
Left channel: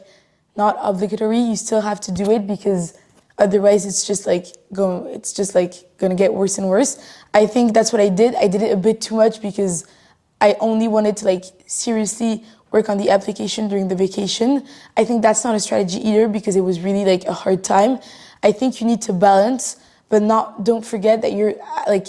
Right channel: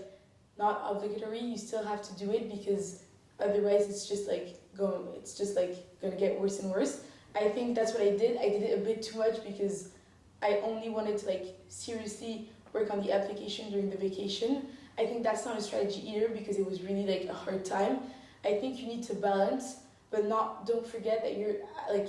not obligatory. You still have to do it because otherwise it's just like gonna get worse and worse. I think that's what I did. I did it a bit too much because I only wanted to like seriously work on the application during the vacation. I think that's not a strategy either because it was really like a hard time. I think you need to balance, but don't forget that you're like,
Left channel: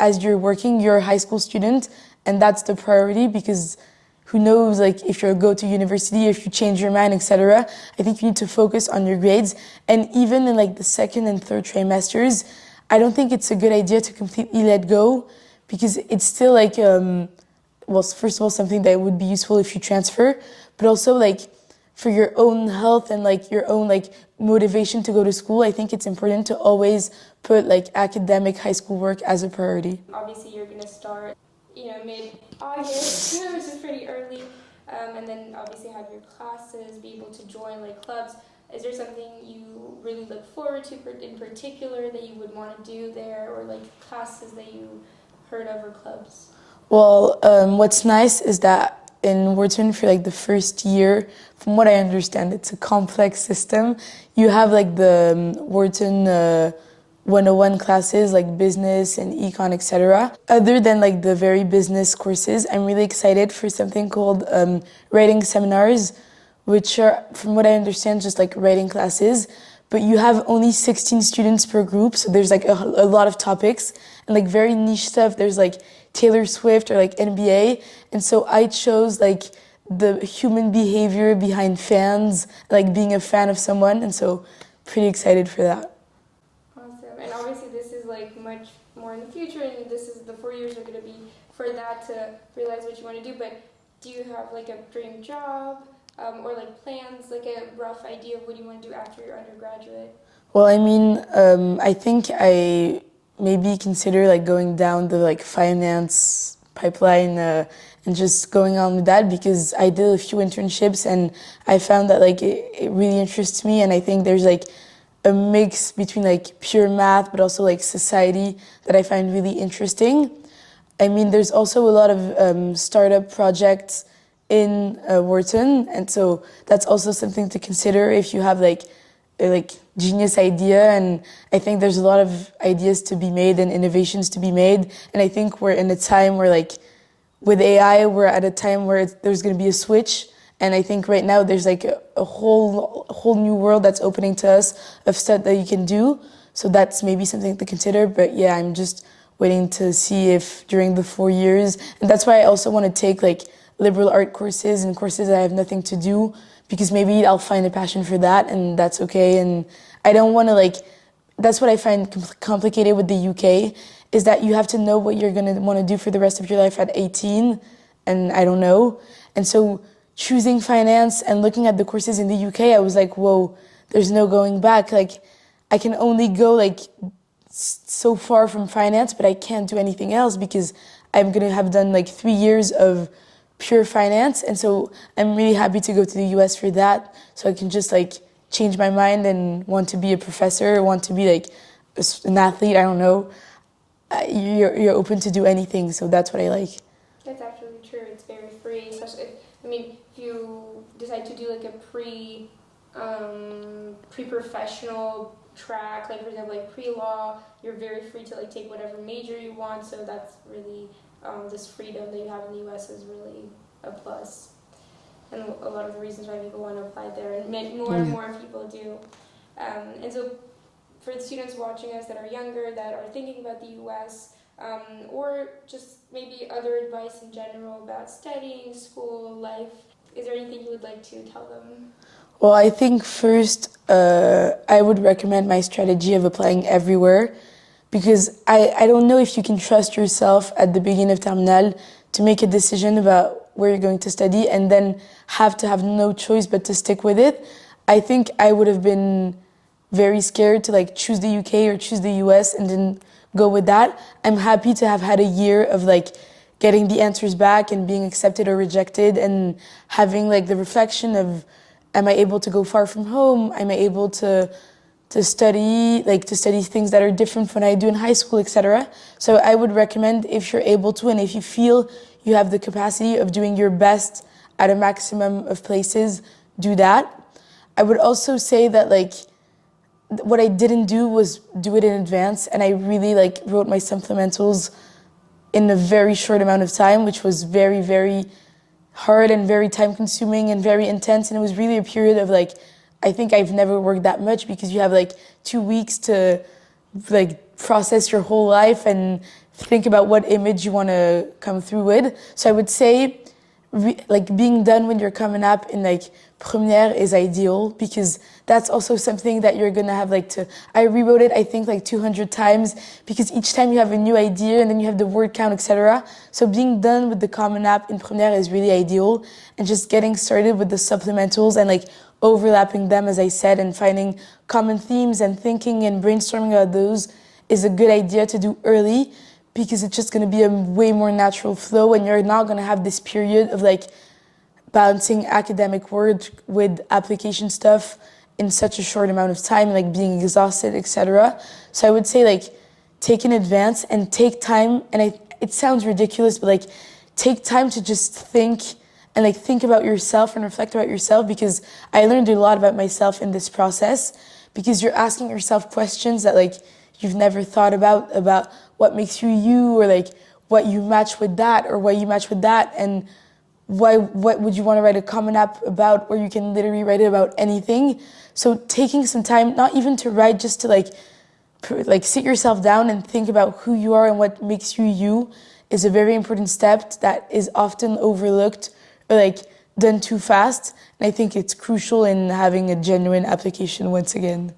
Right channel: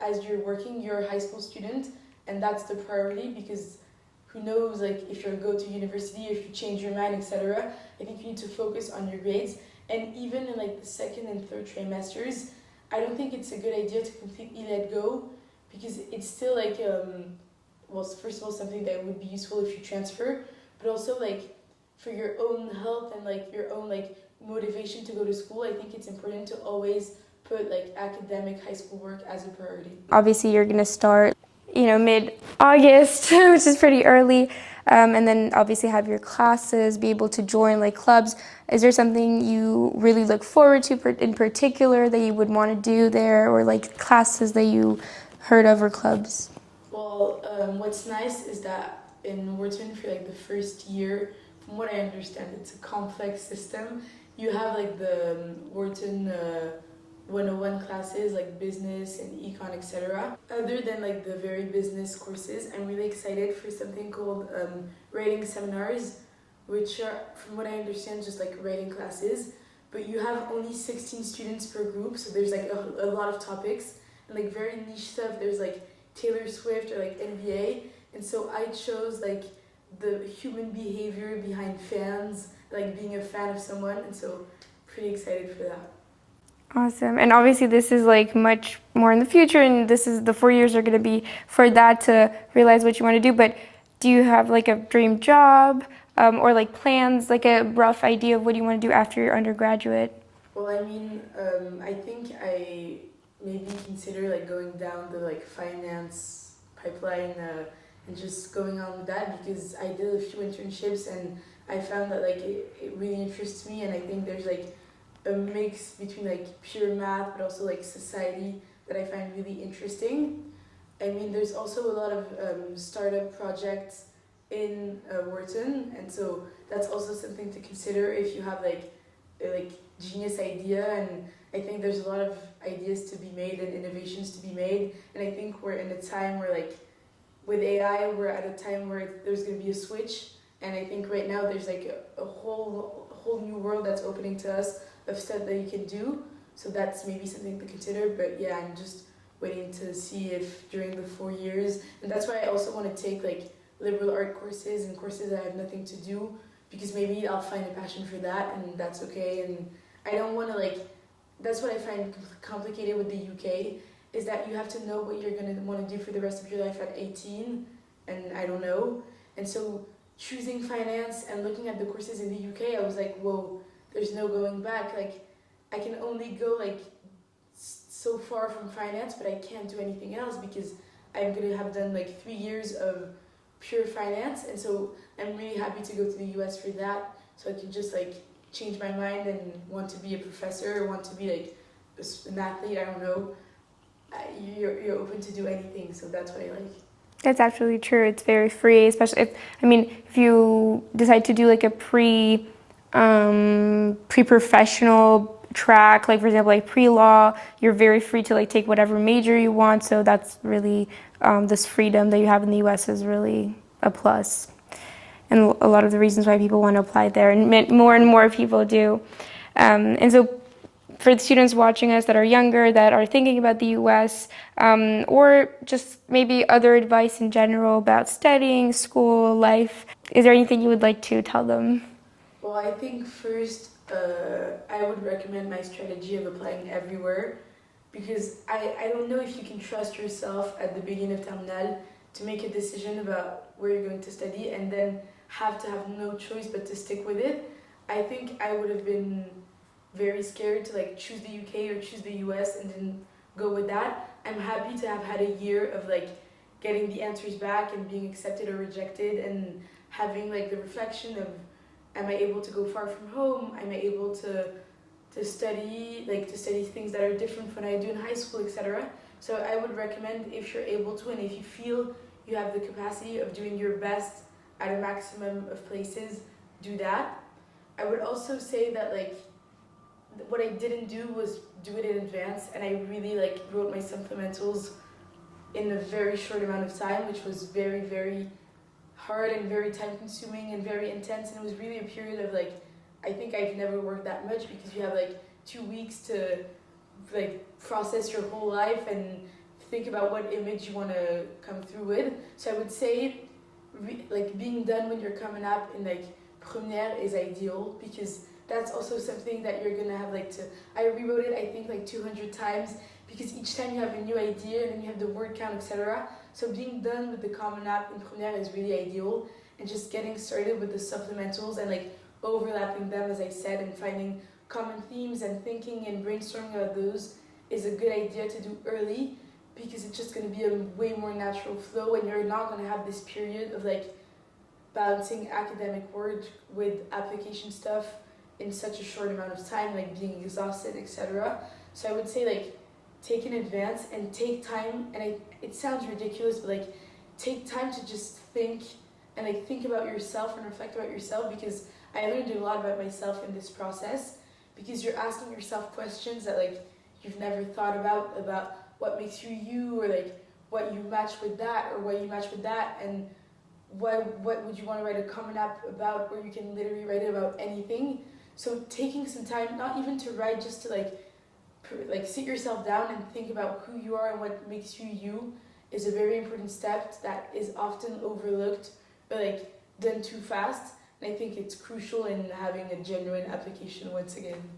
as you're working, you're a high school student, and that's the priority because who knows like if you go to university, if you change your mind, etc. I think you need to focus on your grades. And even in like the second and third trimesters, I don't think it's a good idea to completely let go because it's still like, well, first of all, something that would be useful if you transfer, but also like for your own health and like your own like motivation to go to school, I think it's important to always put like academic high school work as a priority. Obviously, you're going to start, mid-August, which is pretty early, and then obviously have your classes, be able to join like clubs. Is there something you really look forward to in particular that you would want to do there, or like classes that you heard of or clubs? Well, what's nice is that in Wharton for like the first year, from what I understand, it's a complex system. You have like the Wharton 101 classes like business and econ, etc. Other than like the very business courses, I'm really excited for something called writing seminars, which are, from what I understand, just like writing classes. But you have only 16 students per group, so there's like a lot of topics and like very niche stuff. There's like Taylor Swift or like NBA, and so I chose like the human behavior behind fans, like being a fan of someone, and so pretty excited for that. Awesome. And obviously this is like much more in the future, and this is the 4 years are going to be for that to realize what you want to do. But do you have like a dream job or like plans, like a rough idea of what you want to do after your undergraduate? Well, I mean, I think I maybe consider like going down the like finance pipeline and just going on with that because I did a few internships and I found that like it really interests me, and I think there's like a mix between like pure math but also like society that I find really interesting. I mean, there's also a lot of startup projects in Wharton, and so that's also something to consider if you have like a genius idea. And I think there's a lot of ideas to be made and innovations to be made, and I think we're in a time where like with AI we're at a time where there's going to be a switch, and I think right now there's like a whole new world that's opening to us of stuff that you can do. So that's maybe something to consider. But yeah, I'm just waiting to see if during the 4 years, and that's why I also want to take like liberal art courses and courses that I have nothing to do, because maybe I'll find a passion for that, and that's okay. And I don't want to like, that's what I find complicated with the UK, is that you have to know what you're going to want to do for the rest of your life at 18, and I don't know. And so choosing finance and looking at the courses in the UK, I was like, whoa, there's no going back. Like, I can only go like so far from finance, but I can't do anything else because I'm going to have done like 3 years of pure finance. And so I'm really happy to go to the US for that, so I can just like change my mind and want to be a professor, want to be like an athlete, I don't know. You're open to do anything, so that's what I like. That's absolutely true. It's very free, especially if you decide to do like a pre-professional track, like for example, like pre-law, you're very free to like take whatever major you want. So that's really, this freedom that you have in the US is really a plus. And a lot of the reasons why people want to apply there, and more and more people do. And so for the students watching us that are younger, that are thinking about the US, or just maybe other advice in general about studying, school, life, is there anything you would like to tell them? Well, I think first I would recommend my strategy of applying everywhere because I don't know if you can trust yourself at the beginning of terminale to make a decision about where you're going to study and then have to have no choice but to stick with it. I think I would have been very scared to like choose the UK or choose the US and then go with that. I'm happy to have had a year of like getting the answers back and being accepted or rejected and having like the reflection of, am I able to go far from home? Am I able to study things that are different from what I do in high school, etc. So I would recommend, if you're able to and if you feel you have the capacity of doing your best at a maximum of places, do that. I would also say that like what I didn't do was do it in advance, and I really like wrote my supplementals in a very short amount of time, which was very, very hard and very time consuming and very intense. And it was really a period of like, I think I've never worked that much because you have like 2 weeks to like process your whole life and think about what image you want to come through with. So I would say like being done when you're coming up in like première is ideal because that's also something that you're gonna have like to, I rewrote it I think like 200 times because each time you have a new idea and then you have the word count, etc. So being done with the common app in première is really ideal, and just getting started with the supplementals and like overlapping them, as I said, and finding common themes and thinking and brainstorming about those is a good idea to do early, because it's just going to be a way more natural flow and you're not going to have this period of like balancing academic work with application stuff in such a short amount of time, like being exhausted, etc. So I would say like take in advance and take time, and it sounds ridiculous, but like take time to just think and like think about yourself and reflect about yourself, because I learned a lot about myself in this process, because you're asking yourself questions that like you've never thought about what makes you you, or like what you match with that or what you match with that, and what would you want to write a common app about, where you can literally write it about anything. So taking some time, not even to write, just to like sit yourself down and think about who you are and what makes you you, is a very important step that is often overlooked or like done too fast. And I think it's crucial in having a genuine application once again.